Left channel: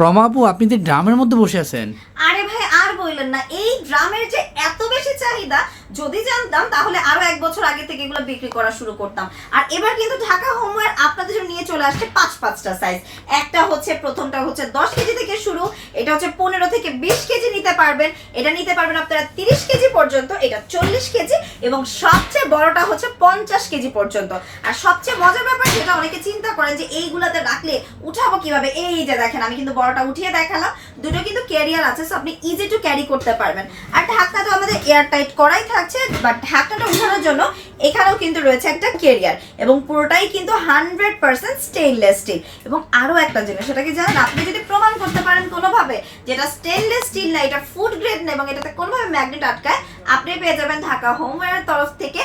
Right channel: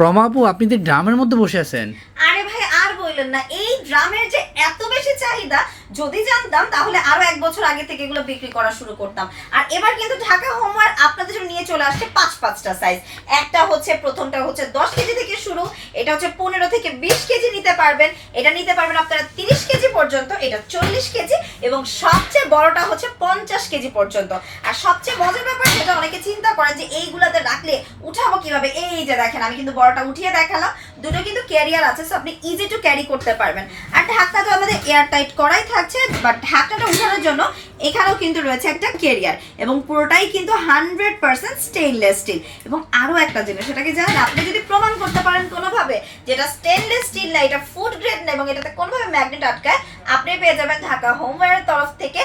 প্রমাপু আপনি তো ড্রামের মধ্যে বসে আছেন। আরে ভাই আর বললেন না, এই ড্রামের যে এত বেশি চাহিদা, যদি জানতাম তাহলে আরো 1 বছর আগে থেকে এগুলো বিক্রি করা শুরু করতাম। আর এবার কিন্তু ঢাকা হোমওয়্যার আপনাদের জন্য নিয়ে চলে আসছে 5-5টা সাইজ। একটা হচ্ছে, প্রথমটা হচ্ছে 10 কেজি থেকে শুরু, এটা হচ্ছে 15 থেকে 20 কেজি নিতে পারবেন, এটা নিতে পারবেন আপনারা 30 কেজি পর্যন্ত, এটা 40 কেজি, এবং সবচেয়ে বড়টা হচ্ছে 50 কেজি পর্যন্ত। আর সবচেয়ে মজার ব্যাপার, যেটা অনেকে চিন্তা করেন যে এইগুলাতে রাখলে উঠাবো কিভাবে, এই যে দেখেন আমি কিন্তু বড়টা উঠিয়ে দেখালাম, দুটো কিন্তু ক্যারিয়ার আছে, সো আপনি ইজি টু ক্যারি করতে পারবেন। আর ঢাকনা তো আমাদের এয়ার টাইট করাই থাকছে, বাট ঢাকনাটা উঠানোর জন্য এখানেও কিন্তু রয়েছে একটা ক্যারিয়ার, এবং পুরোটাই কিন্তু 100% স্টেইনলেস স্টিল। এবং আরো একটা জিনিস, সেটা কি জানেন, আপনি যদি প্রমাণ করতে পারেন কোনোভাবে যেটা স্টেইনলেস স্টিল না, এটা ফুড গ্রেড না, এবং এটাতে কোনোভাবে ম্যাগনেট আটকায়, আপনি পেয়ে যাবেন ঢাকা হোমওয়্যারের তরফ থেকে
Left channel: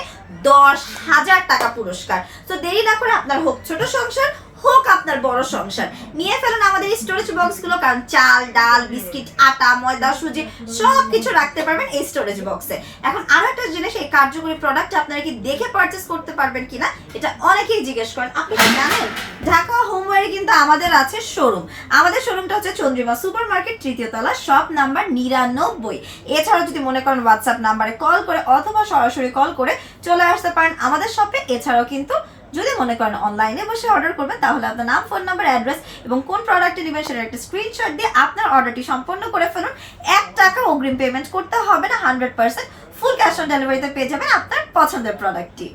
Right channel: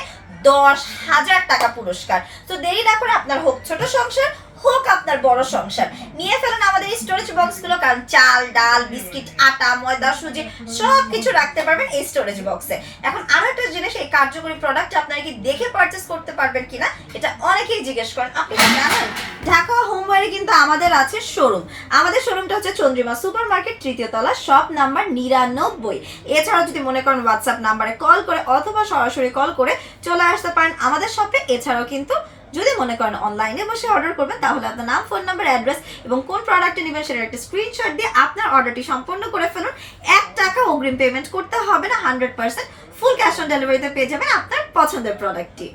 10,000 টাকা পুরস্কার। তো দেরি না করে আপনার হোক ছোট সংসার, হোক আপনার বড় সংসার, নিয়ে ফেলুন আমাদের এই স্টোরেজ বক্সগুলো, কারণ চাল, ডাল, বিস্কিট, আটা, ময়দা, সুজি সবকিছু রাখতে পারবেন এই স্টোরেজ বক্সে। এখন আরো একটা জিনিস, এই কার্যকরী প্রোডাক্ট আপনারা কি দেখে পারচেজ করতে পারবেন কিনা, এটা অনেকেই জিজ্ঞেস করেন। আপনি কি জানেন ঢাকা হোমওয়্যারে কিন্তু আমাদের আছে শোরুম। আমাদের শোরুমটা হচ্ছে চন্দ্রিমা সুপার মার্কেট, 3য় তলা, শপ নাম্বার 99। এছাড়াও যদি মনে করেন হোয়াটসঅ্যাপ নাম্বারে কল করে অথবা সরাসরি কল করে চলে আসতে পারেন আমাদের শপে। এছাড়াও কিন্তু যদি মনে করেন অনলাইনে বসে অর্ডার করবেন, তাহলে আপনার নাম, ফোন নাম্বার, অ্যাড্রেস এবং কোন প্রোডাক্টটি নেবেন সেটার একটা স্ক্রিনশট দিয়ে আপনার অর্ডারটি সম্পন্ন করে ফেলুন। 1 টাকা অগ্রিম পেমেন্ট করতে হবে না, 100% ফুল ক্যাশ অন ডেলিভারিতে পেয়ে যাবেন আপনার পছন্দের প্রোডাক্টটি।